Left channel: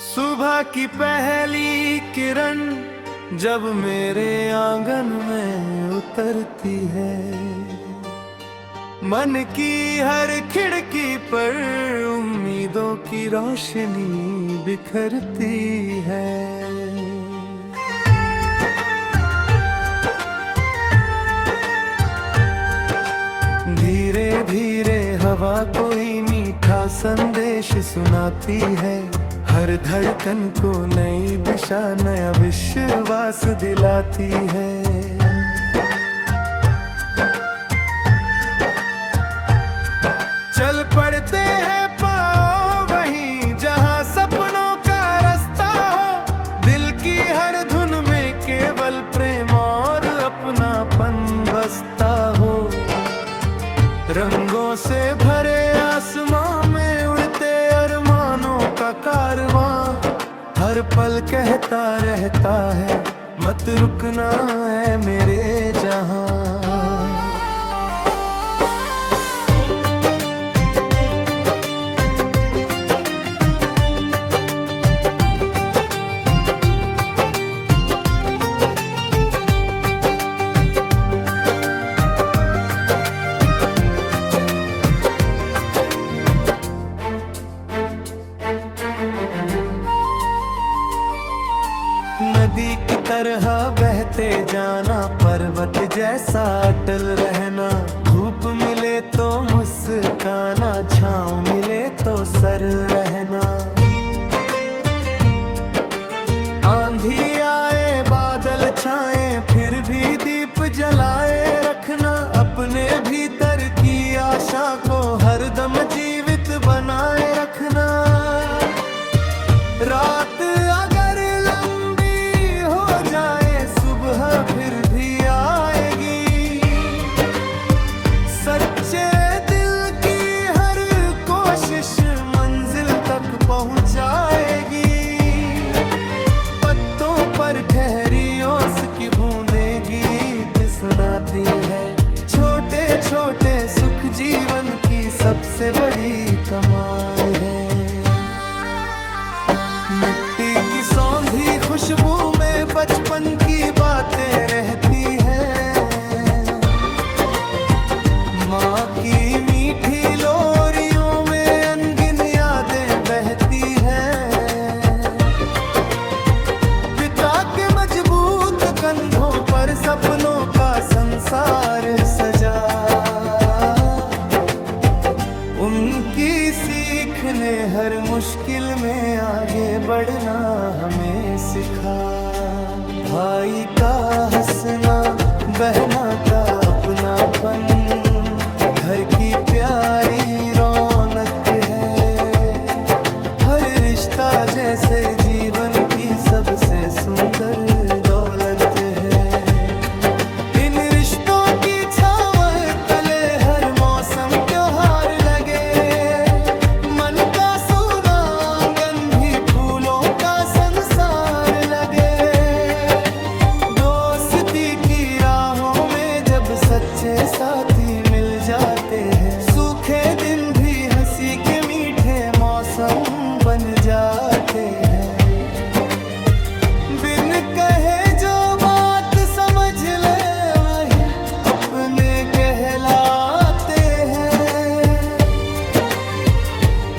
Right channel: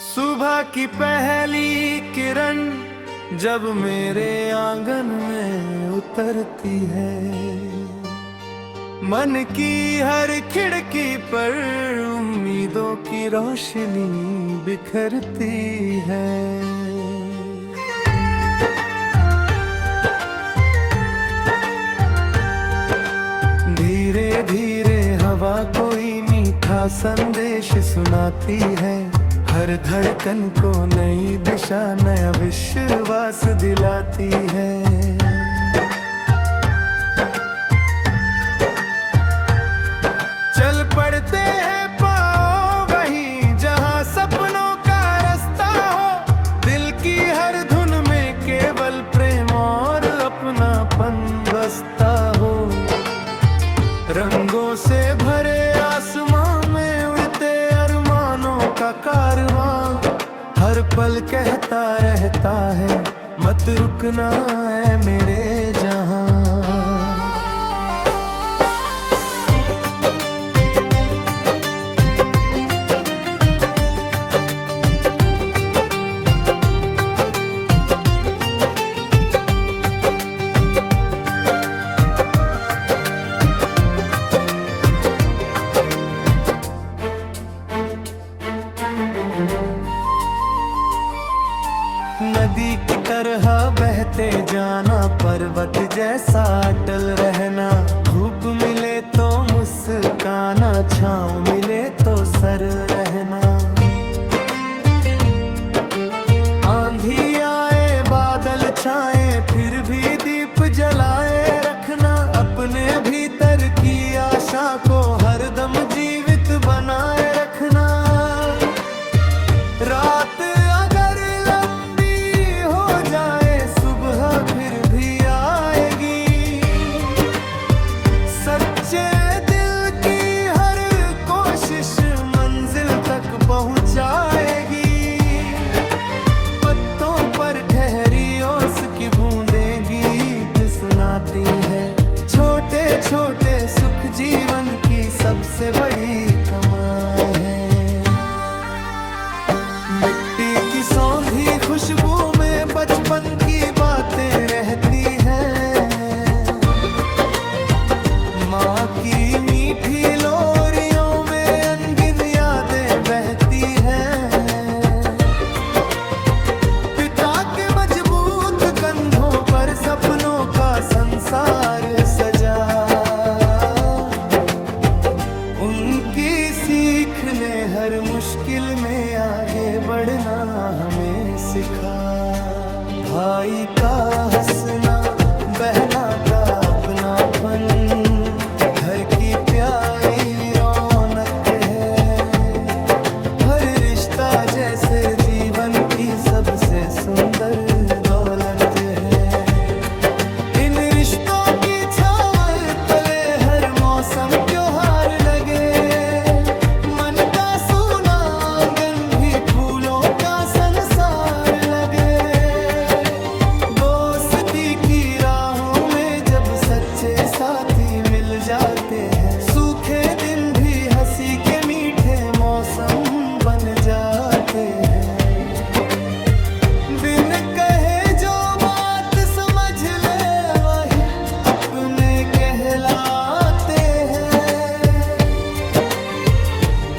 सुबह की पहली किरण जब मेरे आंगन में उतरती है, मन की हर खिड़की पर उम्मीदों की रोशनी बिखरती है। धीरे धीरे हवा कोई मीठा संदेश सुनाती है, हर धड़कन को नई दिशा नया विश्वास दिलाती है। चल पड़ते हैं पाँव वहीं जहाँ सपनों का रास्ता हो, दिल की हर धुन में केवल प्रेम और अपनापन बसता हो। रंगों से भरे आसमां में उड़ते अरमानों का कारवां, हर पल कहता रहता है मत रुकना है मेरे जहां। नदी की तरह बहते जाना, पर्वत जैसा अटल रहना, धूप मिले तो मुस्काना, छाँव मिले तो सर रहना। आंधी आए बादल छाए फिर भी दीप जलाए रखना, अपने भीतर की आशा को हरदम जीवित बनाए रखना। रात अगर हो जाए सुबह फिर भी आएगी, सच्चे दिल की हर कोशिश मंजिल तक पहुंचाएगी। पत्तों पर ठहरी ओस की बूंदें गीत सुनाती है, छोटे छोटे सुख जीवन की सबसे बड़ी कमाई है। मिट्टी की सौंधी खुशबू में बचपन की बातें रहती हैं, माँ की मीठी लोरियों में अनगिन यादें बहती हैं। पिता के मजबूत कंधों पर सपनों का संसार सजा, उनकी सीख ने हर मुश्किल में आगे बढ़ना हमें सिखा। भाई का हंसना, बहना का अपनापन, घर की प्यारी रौनक है। हर रिश्ता जैसे जीवन की सबसे सुंदर दौलत है। इन रिश्तों की छाँव तले हर मौसम त्योहार लगे, मन का सूना आंगन भी फूलों का संसार लगे। दोस्ती की राहों में जब सच्चे साथी मिल जाते हैं, सूखे दिन भी हंसी के मीठे मौसम बन जाते हैं। बिन कहे जो बात समझ ले वही अपने कहलाते हैं।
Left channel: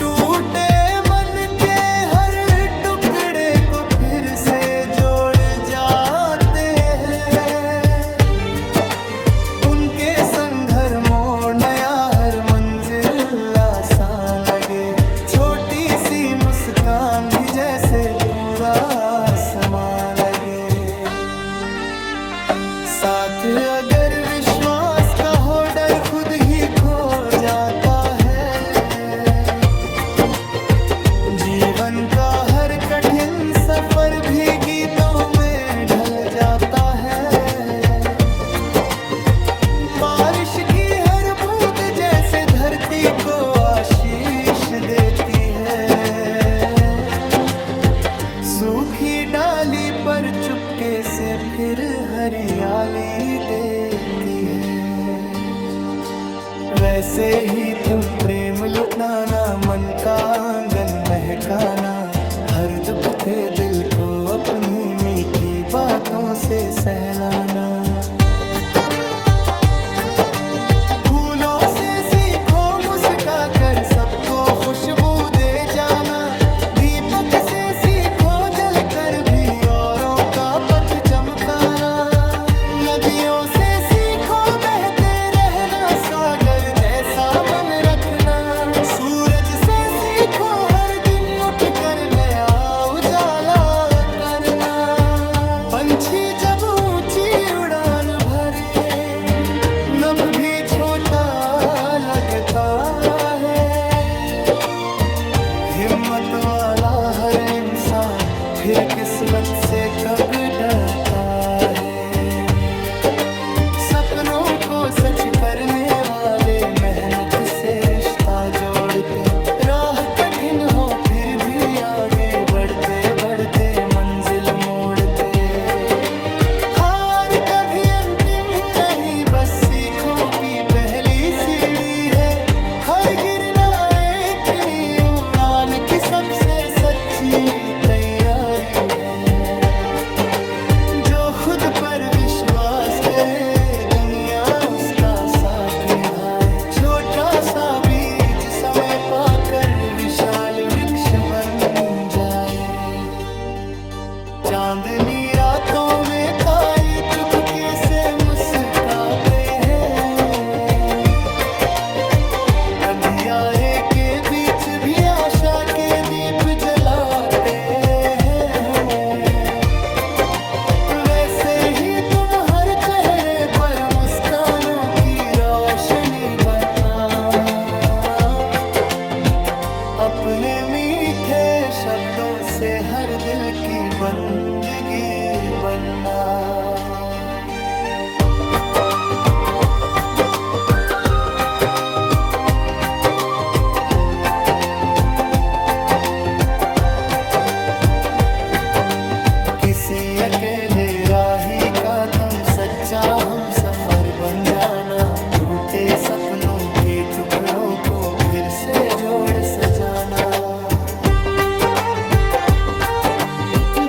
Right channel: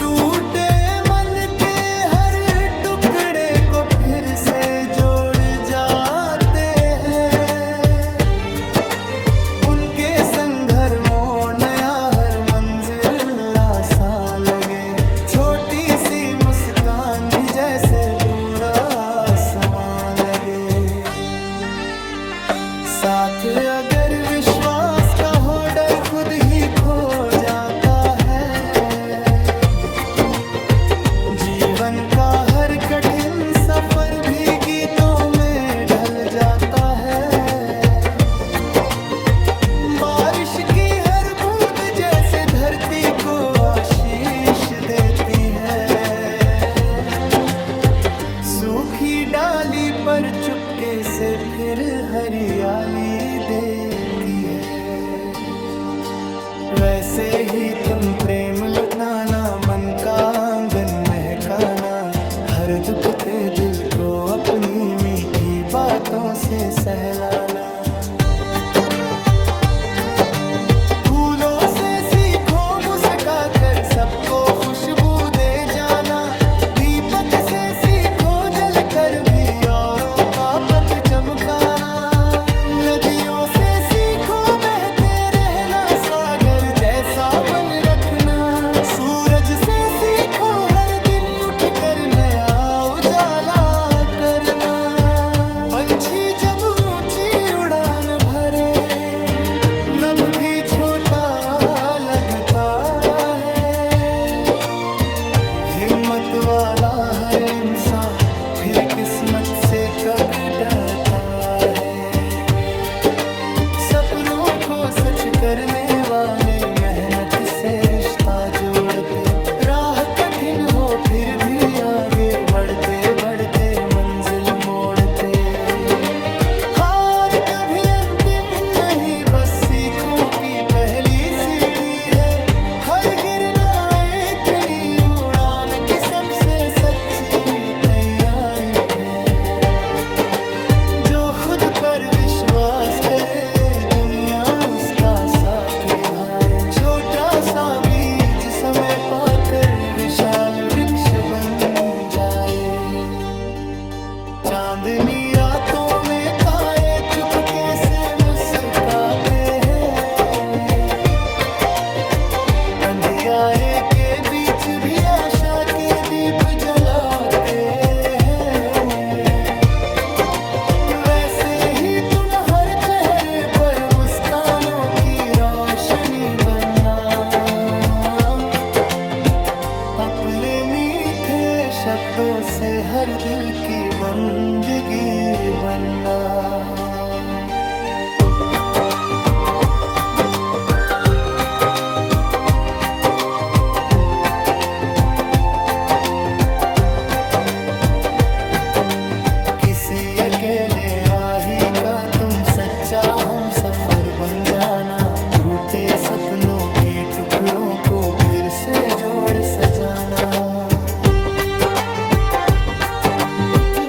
टूटे मन के हर टुकड़े को फिर से जोड़ जाते हैं। उनके संग हर मोड़ नया, हर मंजिल आसान लगे। छोटी सी मुस्कान भी जैसे पूरा आसमान लगे। साथ अगर विश्वास का हो डर खुद ही खो जाता है। जीवन का हर कठिन सफर भी गीतों में ढल जाता है। बारिश की हर बूंद जैसे धरती को आशीष देती है। सूखी डाली पर चुपके से फिर हरियाली देती है। वैसे ही तुम प्रेम लुटाना, मन का आंगन महकाना, हर दुख पे दिल को अपनी मीठी बातों से सहलाना। फूलों से सीखो मुस्का कर सबको खुशबू दे जाना। दीपक से सीखो जल कर भी औरों का पथ चमकाना। नदियों से सीखो बहते रहना, सागर जैसा मन रखना। सूरज से सीखो हर दिन उठ कर नया उजाला करना। पंछी जब ऊंची उड़ान भरे नभ भी छोटा लगता है। हिम्मत वाला हर इंसान फिर किस्मत से कब डरता है। सपनों को सच करने वाले मेहनत से रिश्ता जोड़ते। राह कठिन हो फिर भी आगे बढ़ते बढ़ते मंजिल मोड़ते। हार कभी अंतिम नहीं, बस सीखों की पहली सीढ़ी है। हर गिरना एक नई उड़ान की सबसे सच्ची तैयारी है। जो खुद पर विश्वास करे दुनिया उसका साथ निभाए। छोटा सा बीज समय पाकर विशाल वृक्ष बन जाए। चांदनी रातों में तारे चुपके से मुस्कुराते हैं। अंधियारे के बीच भी आशा के दीप जलाते हैं। वैसे ही तुम हर चेहरे पर मुस्कानों की रोशनी बनना। अपने मीठे शब्दों से हर दिल की बंदगी बनना। किसी अकेले राही का तुम सच्चा हम सफर बन जाना। टूटे सपनों के टुकड़ों को फिर से जोड़ सजाना।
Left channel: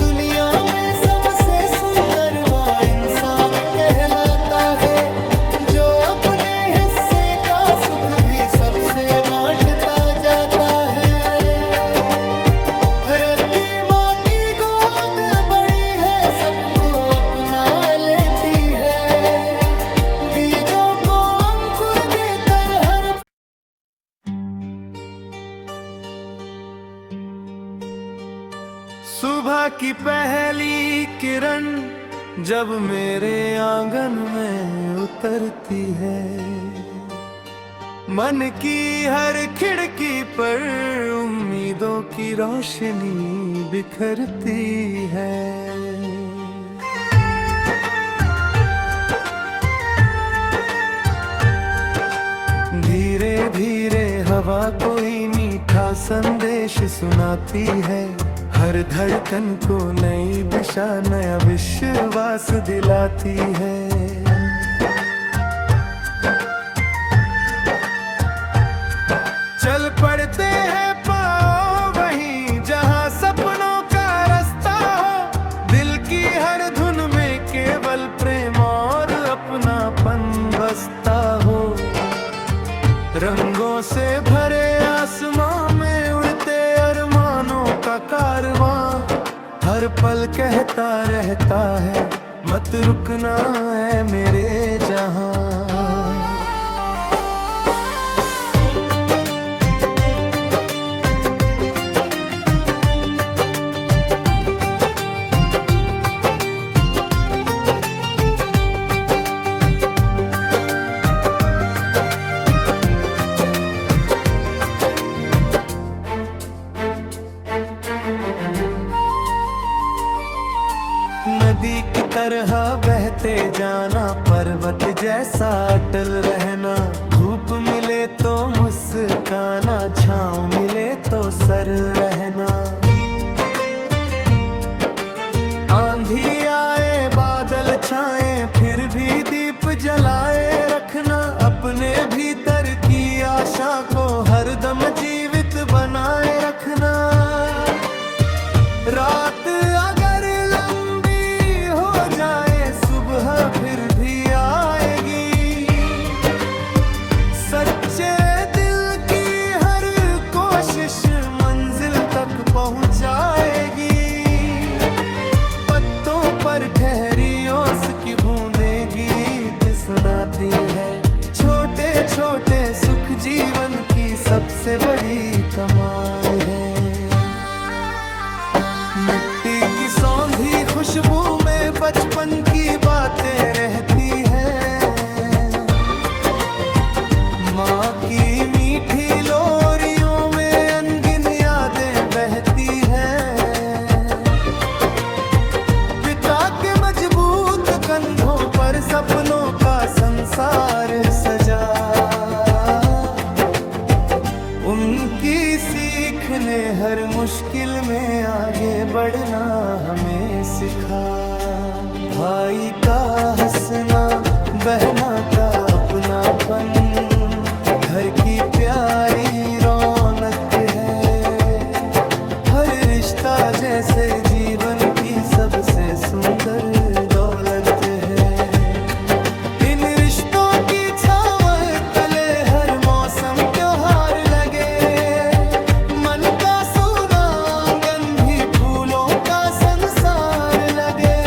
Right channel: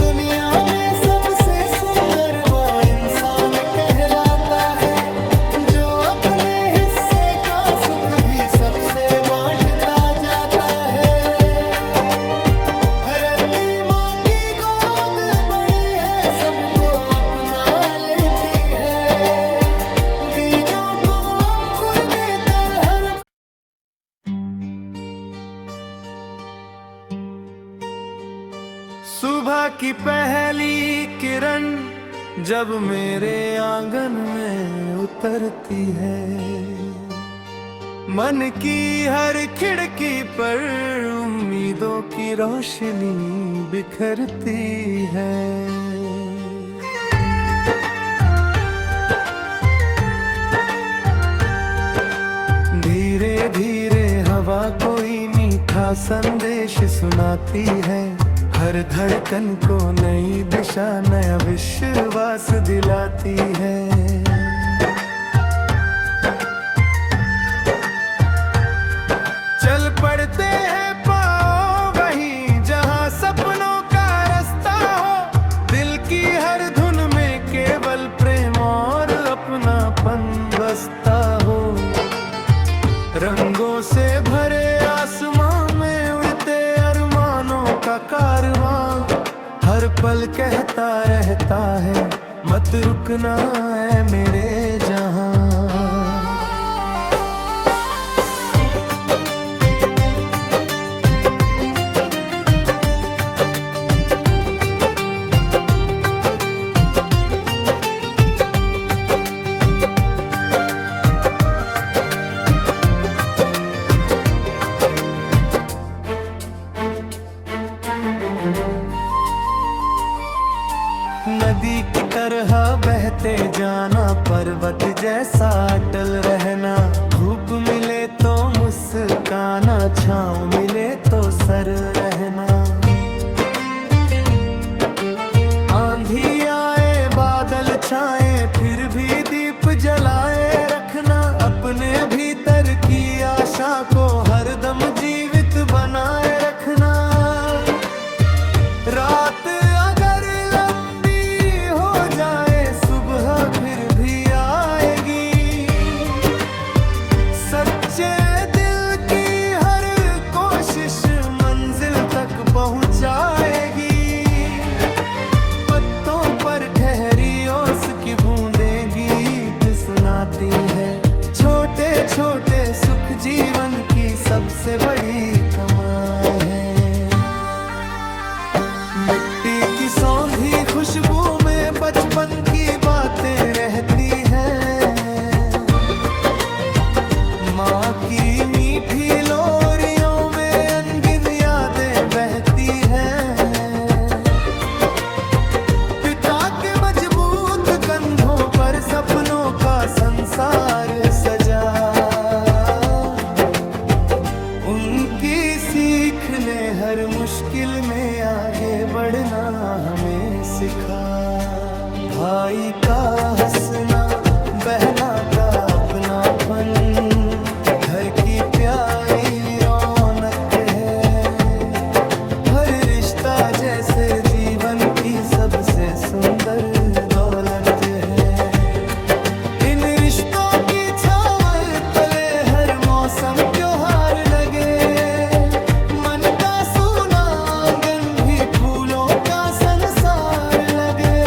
दुनिया में सबसे सुंदर वो इंसान कहलाता है, जो अपने हिस्से का सुख भी सबसे बांटता जाता है। रत्ती माँ की गोद बड़ी है, सबको अपना लेती है। बीजों को अंकुर देकर हर सुबह की पहली किरण जब मेरे आंगन में उतरती है, मन की हर खिड़की पर उम्मीदों की रोशनी बिखरती है। धीरे धीरे हवा कोई मीठा संदेश सुनाती है, हर धड़कन को नई दिशा नया विश्वास दिलाती है। चल पड़ते हैं पाँव वहीं जहाँ सपनों का रास्ता हो। दिल की हर धुन में केवल प्रेम और अपनापन बसता हो। रंगों से भरे आसमां में उड़ते अरमानों का कारवां, हर पल कहता रहता है मत रुकना है मेरे जहां। नदी की तरह बहते जाना, पर्वत जैसा अटल रहना। धूप मिले तो मुस्काना, छाँव मिले तो सर रहना। आंधी आए बादल छाए फिर भी दीप जलाए रखना। अपने भीतर की आशा को हरदम जीवित बनाए रखना। रात अगर लंबी हो जाए सुबह फिर भी आएगी। सच्चे दिल की हर कोशिश मंजिल तक पहुंचाएगी। पत्तों पर ठहरी ओस की बूंदें गीत सुनाती है। छोटे छोटे सुख जीवन की सबसे बड़ी कमाई है। मिट्टी की सौंधी खुशबू में बचपन की बातें रहती हैं। माँ की मीठी लोरियों में अनगिन यादें बहती हैं। पिता के मजबूत कंधों पर सपनों का संसार सजा। उनकी सीख ने हर मुश्किल में आगे बढ़ना हमें सिखा। भाई का हंसना, बहना का अपनापन, घर की प्यारी रौनक है। हर रिश्ता जैसे जीवन की सबसे सुंदर दौलत है। इन रिश्तों की छाँव तले हर मौसम त्योहार लगे। मन का सूना आंगन भी फूलों का संसार लगे।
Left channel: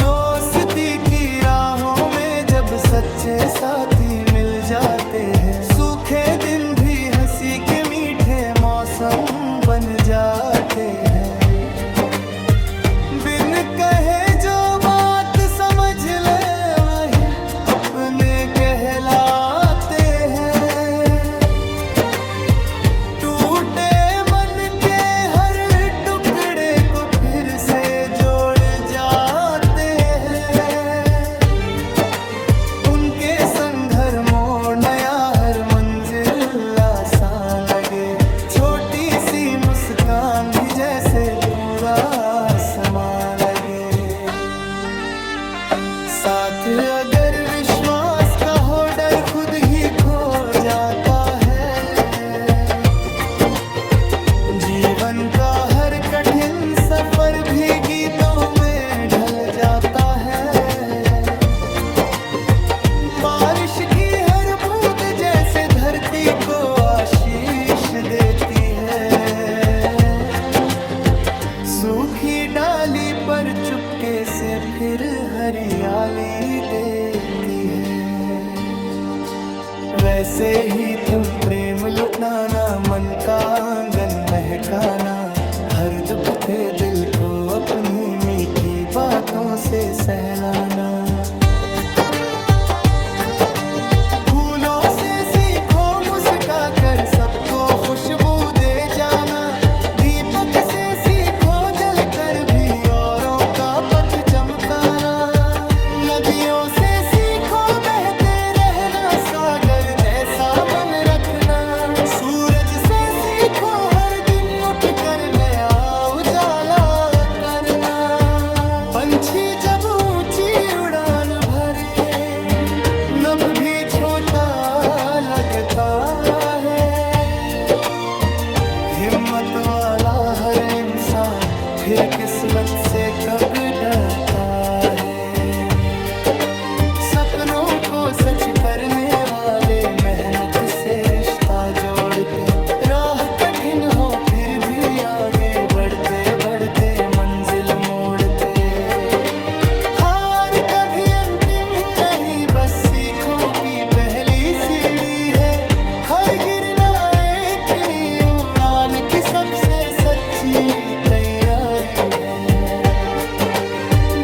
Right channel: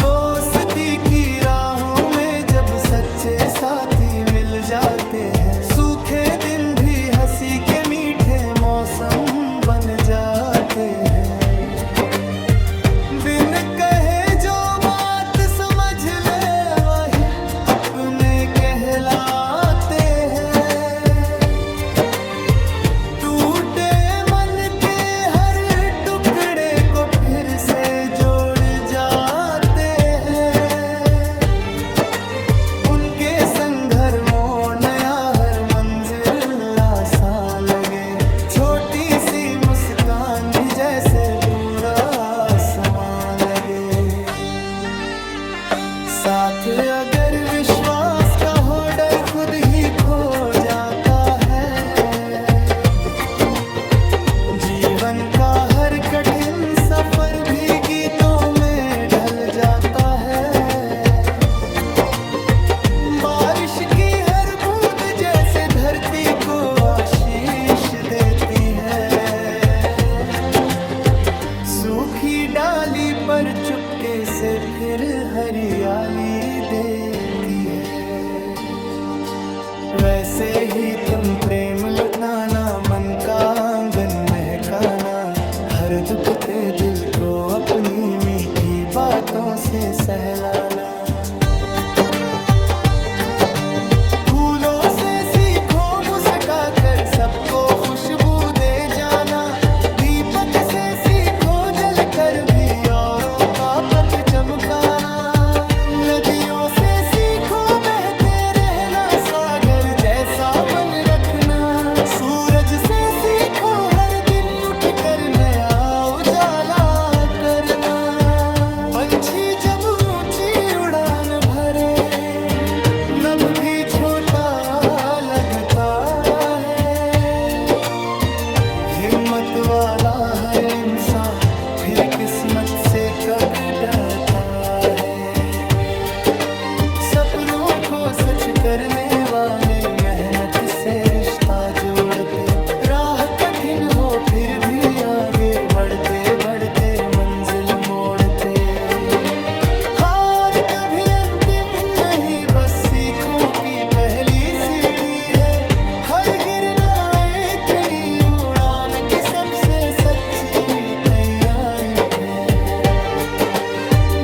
दोस्ती की राहों में जब सच्चे साथी मिल जाते हैं, सूखे दिन भी हंसी के मीठे मौसम बन जाते हैं। बिन कहे जो बात समझ ले वही अपने कहलाते हैं। टूटे मन के हर टुकड़े को फिर से जोड़ जाते हैं। उनके संग हर मोड़ नया, हर मंजिल आसान लगे। छोटी सी मुस्कान भी जैसे पूरा आसमां लगे। साथ अगर विश्वास का हो डर खुद ही खो जाता है। जीवन का हर कठिन सफर भी गीतों में ढल जाता है। बारिश की हर बूंद जैसे धरती को आशीष देती है। सूखी डाली पर चुपके से फिर हरियाली देती है। वैसे ही तुम प्रेम लुटाना, मन का आंगन महकाना, हर दुख पे दिल को अपनी मीठी बातों से सहलाना। फूलों से सीखो मुस्का कर सबको खुशबू दे जाना। दीपक से सीखो जल कर भी औरों का पथ चमकाना। नदियों से सीखो बहते रहना, सागर जैसा मन रखना। सूरज से सीखो हर दिन उठ कर नया उजाला करना। पंछी जब ऊंची उड़ान भरे, नभ भी छोटा लगता है। हिम्मत वाला हर इंसान फिर किस्मत से कब डरता है। सपनों को सच करने वाले मेहनत से रिश्ता जोड़ते। राह कठिन हो फिर भी आगे बढ़ते बढ़ते मंजिल मोड़ते। हार कभी अंतिम नहीं, बस सीखों की पहली सीढ़ी है। हर गिरना एक नई उड़ान की सबसे सच्ची तैयारी है।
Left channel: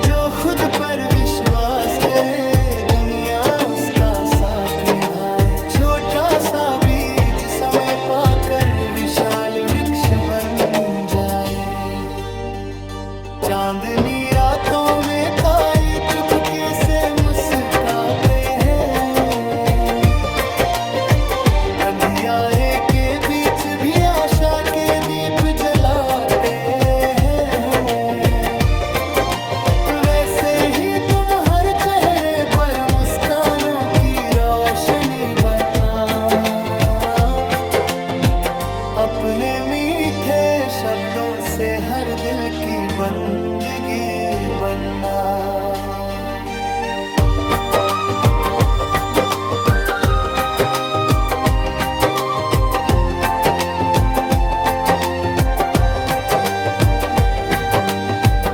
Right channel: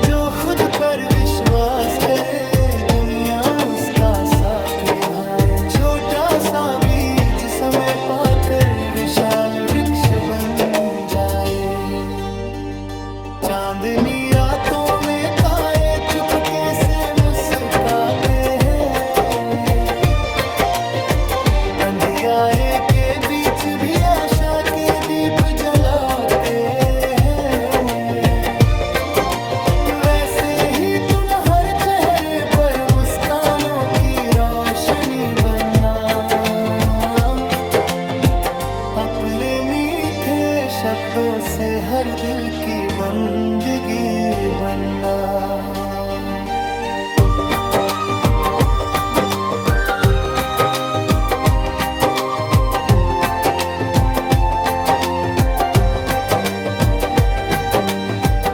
जो खुद पर विश्वास करे, दुनिया उसका साथ निभाए। छोटा सा बीज समय पाकर विशाल वृक्ष बन जाए। चांदनी रातों में तारे चुपके से मुस्कुराते हैं। अंधियारे के बीच भी आशा के दीप जलाते हैं। वैसे ही तुम हर चेहरे पर मुस्कानों की रोशनी बनना। अपने मीठे शब्दों से हर दिल की बंदगी बनना।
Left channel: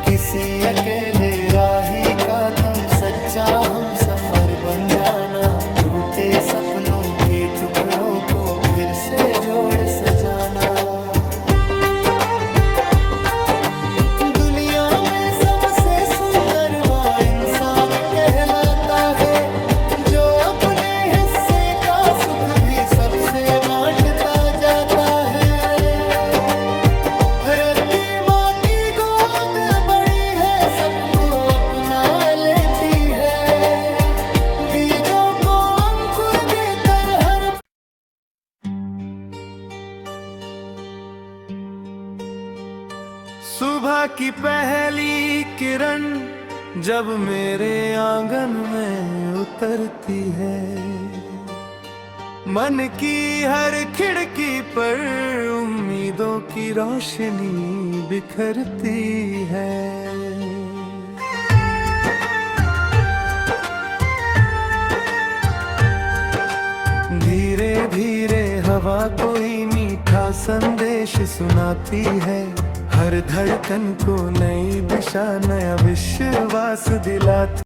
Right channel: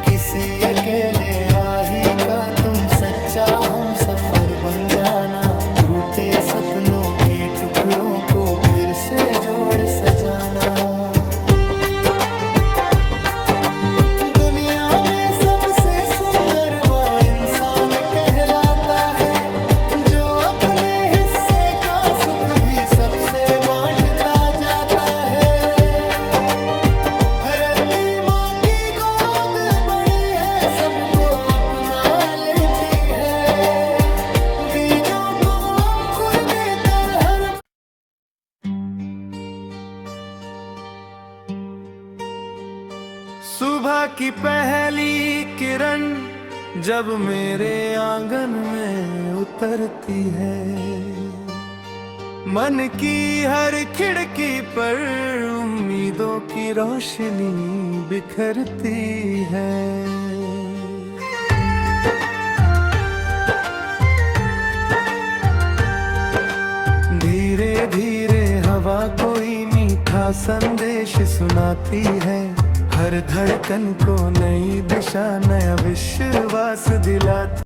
किसी अकेले राही का तुम सच्चा हम सफर बन जाना। टूटे सपनों के टुकड़ों को फिर से जोड़ सजाना। दुनिया में सबसे सुंदर वो इंसान कहलाता है, जो अपने हिस्से का सुख भी सबसे बांटता जाता है। धरती माँ की गोद बड़ी है, सबको अपना लेती है। बीजों को अंकुर देकर हर सुबह की पहली किरण जब मेरे आंगन में उतरती है, मन की हर खिड़की पर उम्मीदों की रोशनी बिखरती है। धीरे धीरे हवा कोई मीठा संदेश सुनाती है, हर धड़कन को नई दिशा नया विश्वास दिलाती।